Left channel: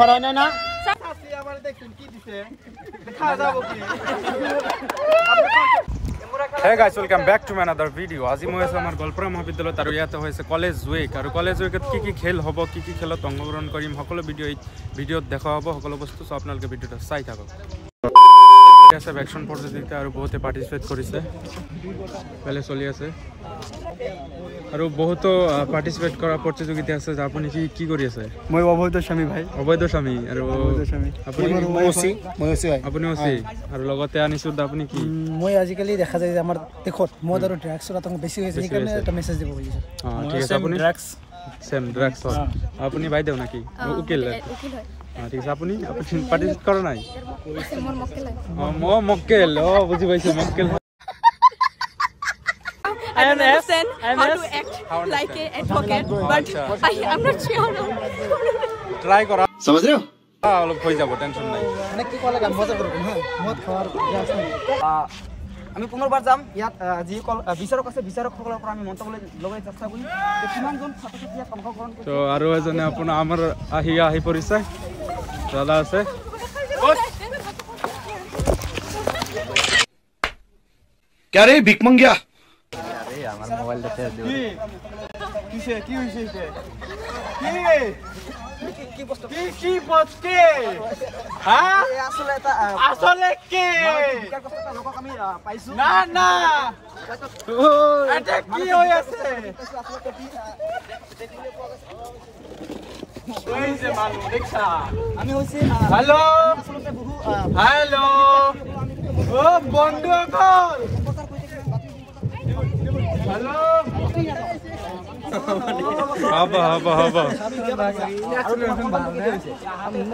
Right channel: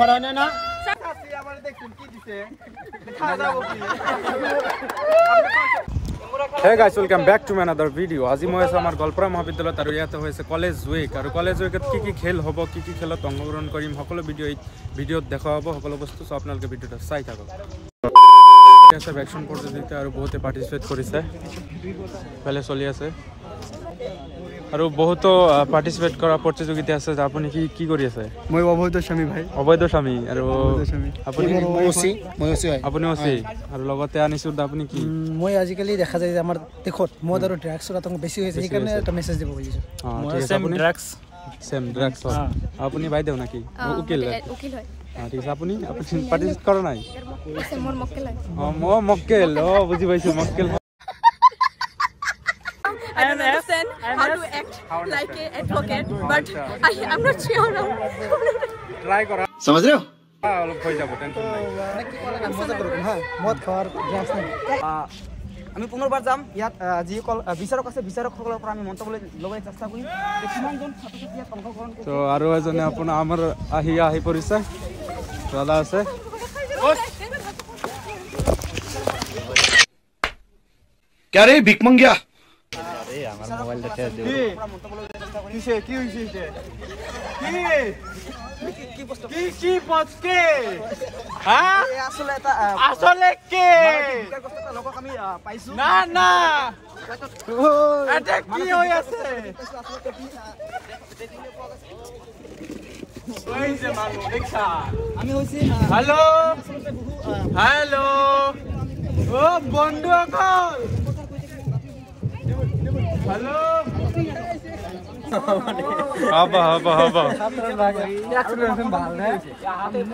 ঘর হয় না Hey guys, welcome back to another video. আজি মই আছো আমাৰ গলপৰা মহাবিদ্যালয়ত আৰু ইয়াতে হৈছে কলেজ উইক আৰু কলেজ উইকত কি খেল হ'ব কি খেলত অংশগ্ৰহণ কৰিম সকলো ভিডিঅ'ত দেখা হ'ব সকলো বস্তু সব আপোনালোকে ভিডিঅ'টো চাই থাকক আছে ভ্যাকসিন প্ৰতিযোগিতা আৰু বহুতে পাৰ্টিসিপেট কৰিছে ভালে চলি আছে আৰু বহুতো পাৰ্টিসিপেট কৰা প্ৰতিযোগিতা আছে আপুনি কি কৰি আছে মই অবৈধ স্বামী ভাই অবৈধ স্বামী আৰু আপুনি আপুনি ওচি আৰু লগতে আনিছো আপুনি কি মই আজিকালি দেখা যায় যে আমাৰ দেখত মদ আৰু ড্ৰাগছৰ আতংক বেছি হৈছে সেইকাৰণে এটা মেছেজ দিব খুজিছো ঠিক আছে আপুনি ড্ৰাগছ আপুনি বাইদেউ নাকি উকিল হয় ঠিক আছে আপুনি পাৰ্টিসিপেট কৰা নাই মোৰ মক্কেল মক্কেল বুজি পাইছো মক্কেল I don't understand how to act like an advocate, but I'm not sure now. Try kora. समझ रहे हो? অলপ হৈ যাব টেনশন নাই কি কলা গান মজা করব হ্যাঁ মদ খাওয়ার আমি পুনৰবাৰ যাম ইয়াত যি বিচাৰক আছে বিচাৰকসকলৰ পৰা আমি মন্তব্য ল'বলৈ চেষ্টা কৰিম কিমানজন ছাত্ৰ-ছাত্ৰীয়ে অংশগ্ৰহণ তো আৰু এজনে আপোনাৰ আমাৰ আহি পৰিছে দাদা আছে क्या रे भिक मंगिया हेलो ओ बंधु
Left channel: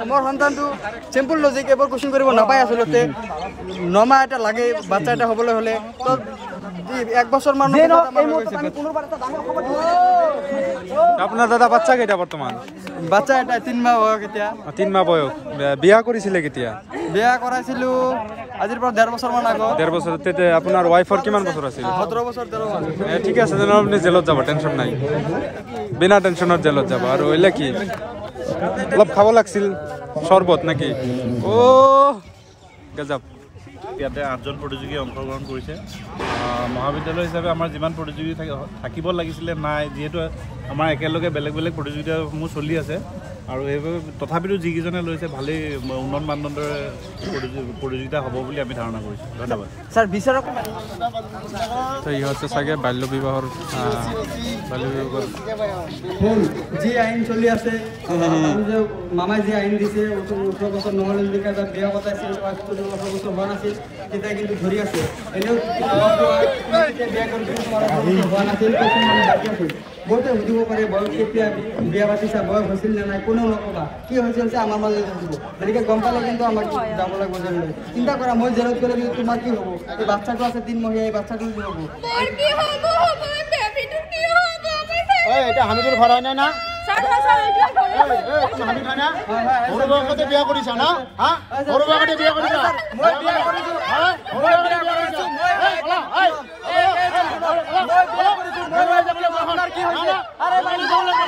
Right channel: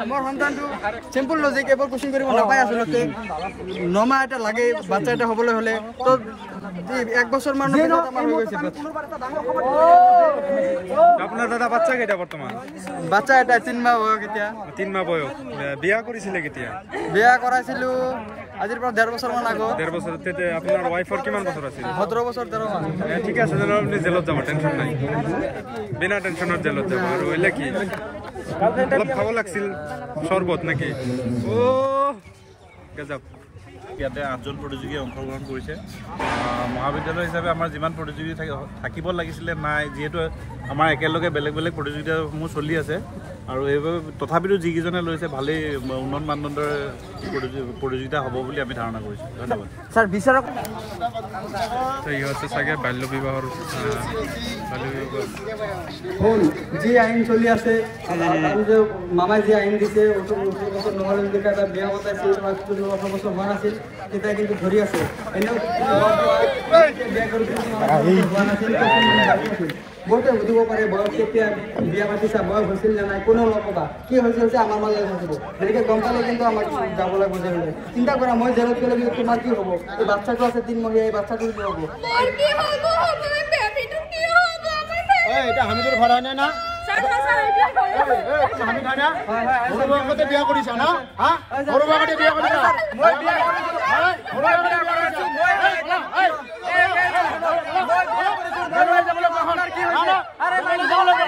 মোৰ সন্তানটো চিম্পল লজিক এবাৰ কোৱেশ্চন কৰিব নাপায় আচলতে নমা এটা লাগে বাচ্চা এটা হ'বলৈ হ'লে তো 1 বছৰ মানৰ পিছত আমাৰ হৈ গৈছে আপোনাৰ দাদা বাচ্চা কেইটা বৰ্তমান বাচ্চা এটা 3 মাহ বয়স এতিয়া 3 মাহ বয়স বিয়া কৰিছিলে কেতিয়া বিয়া কৰাইছিলো আজিৰ পৰা 1.5 বছৰ মান আগত 1.5 বছৰ তেতে আপোনাৰ ওয়াইফৰ কিমান বছৰ আছিল 17 বছৰ 13 মাহ ঠিক আছে জানো আপুনি জেলত যাব টেনশন নাই বিনা টেনশনত জেলত যাব আৰু এলে কি অলপ খাব লাগছিল শৰবত নাকি ও গজব ইয়াতে 8জন প্ৰতিযোগী অংশগ্ৰহণ কৰিছে মহাবিদ্যালয় হিচাপে আমাৰ যিমান প্ৰতিযোগী থাকিব লাগিছিলে নাই যেহেতু আমাৰ একেলগে বেলেগ প্ৰতিযোগিতাসমূহ চলি আছে আৰু এইভাবে তথাপিও যিকেইজনে লৈছে ভালেই উন্নত মানদণ্ডৰ প্ৰতিযোগিতা হ'ব বুলি আমি ধাৰণা কৰিছোঁ ধন্যবাদ স্যাৰ বিচাৰক এই হচ্ছে সাগে বাল্য বিবাহৰ যি আইন চলি আছে যে মামাই যি আইন দিছে 18 বছৰ নহলে যদি কাইবা বিয়া পতাইছিল 18 বছৰ হোৱা নাছিল তেতিয়া কিন্তু ধৰি আছে এনেও বহুতে বুজিব পাৰে বয়স কেতিয়া বিয়া পাতিছা বয়স হৈছিল নে নাই কোনেও নকবা কি হৈছিল আমাৰ মাজত থাকিব গতিকে গম পালে কিন্তু আমাক যাব লাগিব জেললৈ চিন্তা কৰা মই জেলত গ'লে কিন্তু তোমাৰ কি হ'ব এই বাচ্চাটো আছে 3 মহীয়া এই বাচ্চাটো কি হ'ব মোৰ কি হ'ব মোৰ বেবিটো কি হ'ব এই এটা হামিদুৰ ঘৰ হয় না আমি খানা সৰু বয়সতে বিয়া কৰিছা না হা সৰু বয়সতে বিয়া কৰিছা মই বিয়া কৰিছো মই বিয়া কৰিছো কি হৈছে আৰে মানি যাব লাগে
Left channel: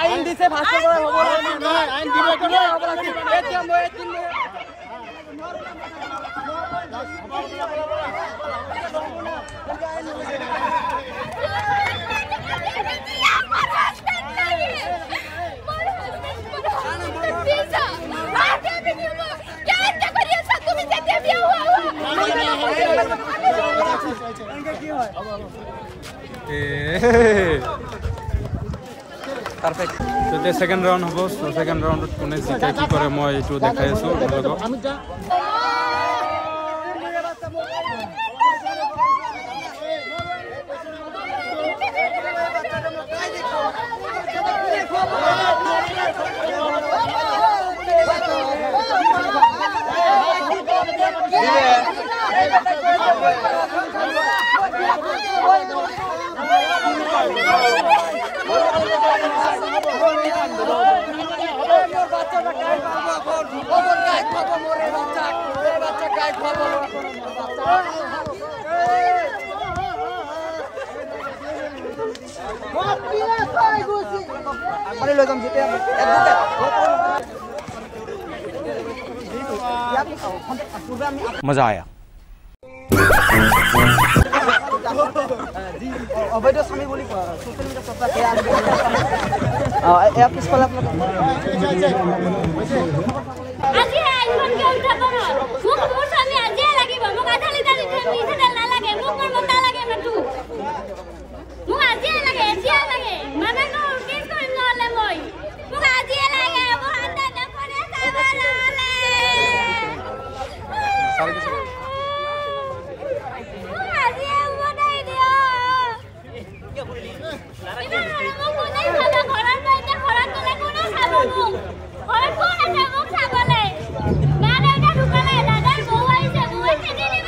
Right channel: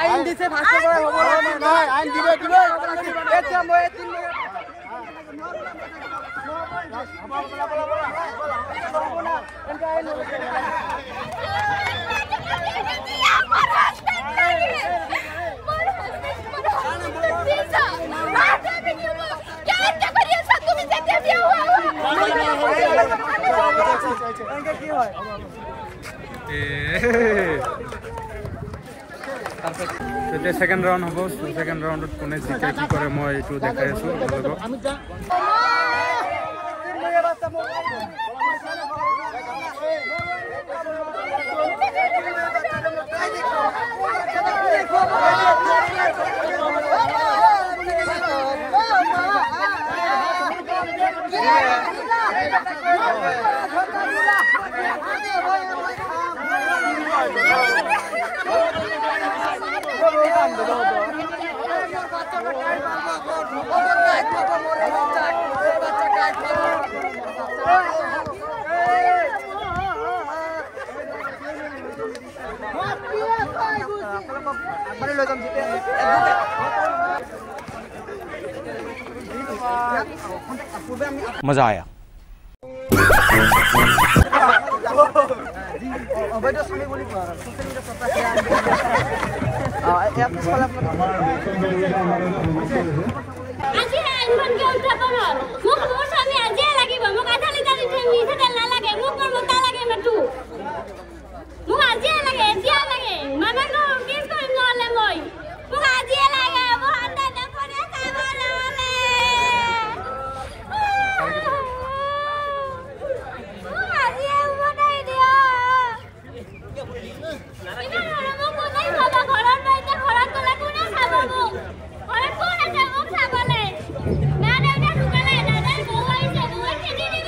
আইন দিছে ভাষা কৰে হ'ব নাই আইন দিবে এতিয়া মই 3 তেতিয়া সেকেন্ড ৰাউন্ড হ'ব সেকেন্ড ৰাউন্ডত কোনে জিকে কি কৰে মই এইটো দেখাই আছো আপোনালোকক मजा आया। অবৈধ স্বামী বুলি সোশ্যাল মিডিয়া চৰ্চা সেয়া আজি আইফোন কে উঠাব ন মোক মোৰ স্বামী আজি লাগিব মোক আধা লিটাৰ মিঠাতেল নালাগে মোক মোৰ মতা লাগে মাটু মোক আজি লাগে এতিয়া লাগে মামা নো কেছ কৰিম নহলে মই মোক আজি লাগে মোৰ আন্দা নকৰে চাবালে মোক আজি বনাই দিও ইমান মোক কোনে খাব ঘৰৰ বাইতে ঘৰত গলে কোনে খাব মোক ঘৰত কোন আছে মোক চাবলে মা দেউতা ঢুকালে দাদাৰ বৌ আহিছে বৌয়ে খেদি দিব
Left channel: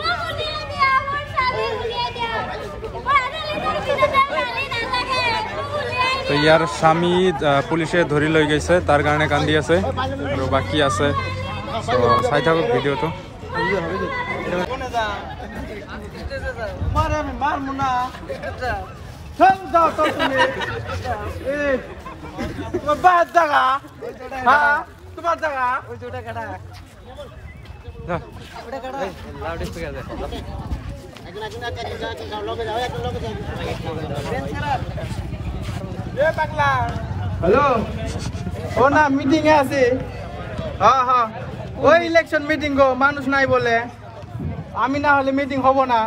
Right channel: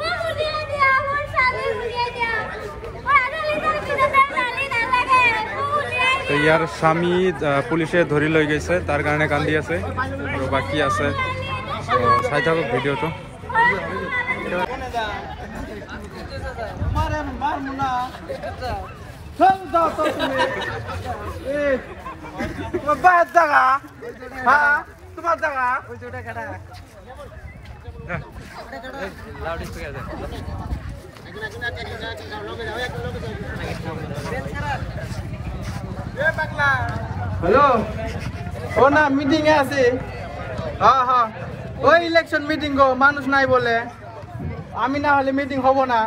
মোক উলিয়াই দিয়া মোৰ স্বামী উলিয়াই দিয়া আধা লিটাৰ মিঠাতেল নালি নালাগে মোক উলিয়াই তো ইয়াৰ স্বামী পুলিচে ধৰি লৈ গৈছে তাৰ কাৰণে কান্দি আছে আৰু বাকী আছে তো চাই থাকক ভিডিঅ'টো মারে মারমু না চল যাও তো তুমি এই তোমার বাদ জায়গা হ্যাঁ তোমার জায়গা ওই দুটা কাটা হ্যালো ও না মিটিং এ আছে হ্যাঁ হ্যাঁ ওই ইলেকশন মিটিং গো মানুষ নাই বলে আমি না হলে মিটিং হবো না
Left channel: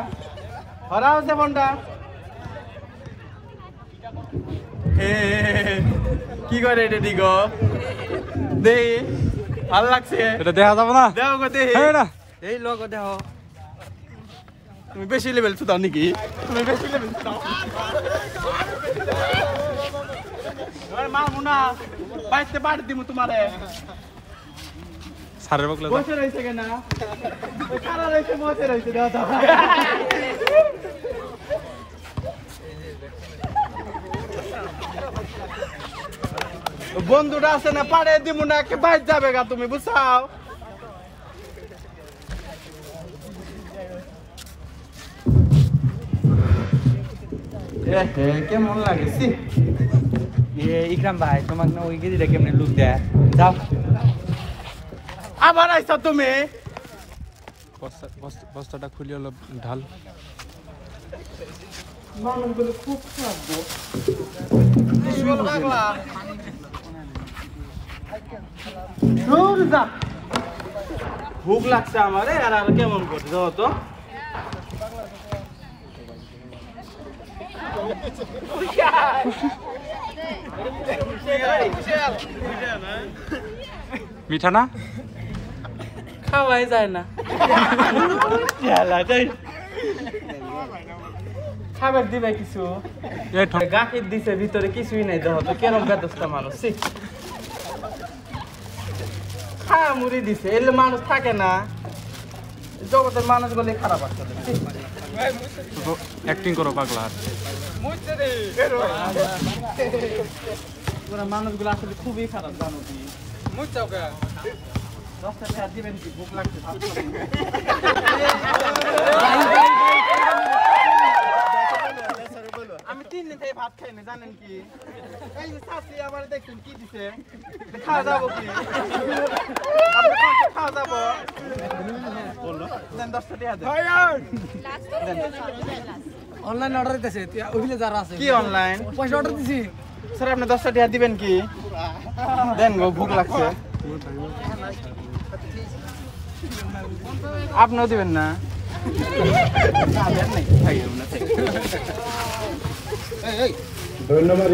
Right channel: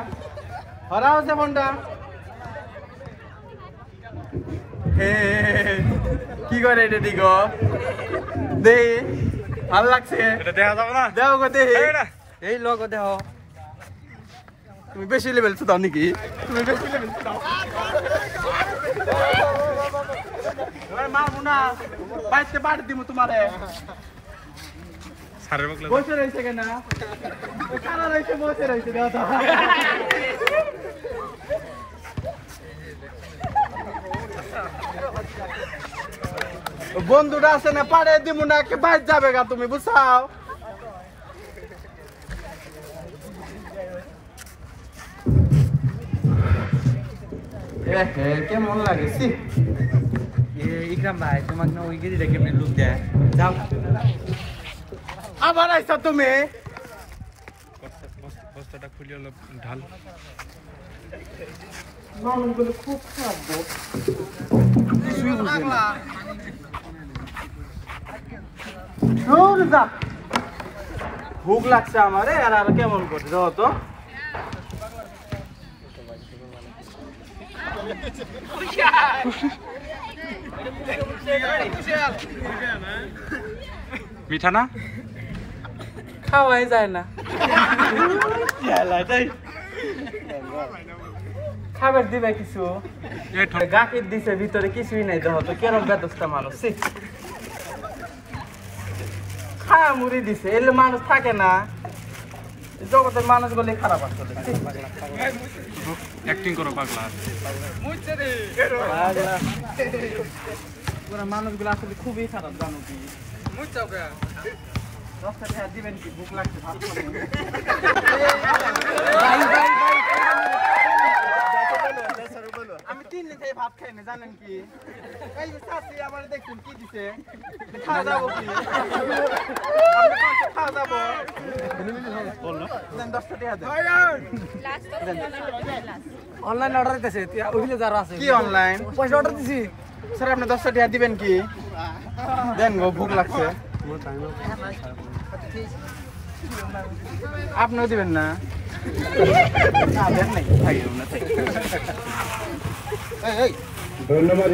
হরা হচ্ছে ফোনটা কি করে এটা দিগ দে ভালো লাগছে এটা দেখা যাবে না দেও গো দে না এই লোক দেহ তুমি বেশি লেভেল সুদাও নাকি তুমি বেশি লেভেল সুদাও ওই মা মুনা বাইতে বাড়ি দিমু তোমারে সারের বকলে বসে রইছে কেন ওই কারা রইছে বসে রইছে দাও দাও বন্ধুরা আছে না পাড়ে দিমু না কে বাইরে যাবে গা তুমি বুঝাও কেমন লাগেছি ইকরাম ভাই তোমার না ওই গেদিটা কেমনে লুক দেয় যাও আবার আইছো তুমি বস্তাটা খুলি অলপ ঢাল মানুষগুলো খুব খারাপ গো কিছুই বুঝে না দূর যা ভুক লাগছে আমারে আর কেমন করে যাও তো মিঠা না খাওয়াই যায় না খাবার দিবে কিছু গাকির দিছে ভিতরে কিছুই নাই দেহ তো কেরম বেদস্তা মানুষ খায়া মুড়ি দিছে এলে মানুষ থাকে না জগতের মানুষগুলি খারাপ আসলে অ্যাক্টিং করো পাগলা পুরা মানুষগুলো আসলে খুবই খারাপ জানো কি দশটা টাকা দিবেন কি ভুক লাগছে ভাত খাবো আমি 3 দিন থেকে ভাত খাই না জানেন কি এই যে চাষি আবার দেখুন কি দিছে খাওয়া যাবো কি আপনি খাওয়া যাবো দেন 10 টাকা দেন অনলাইন অর্ডার দিতেছে ওইলে যারা আছে কি অনলাইন পয়সা অর্ডার দিছি স্যার আপনি 10 টাকা দিবেন কি দেন গো ভুক লাগছে আপনিও দিবেন না দেন নাই খাইও না ধন্যবাদ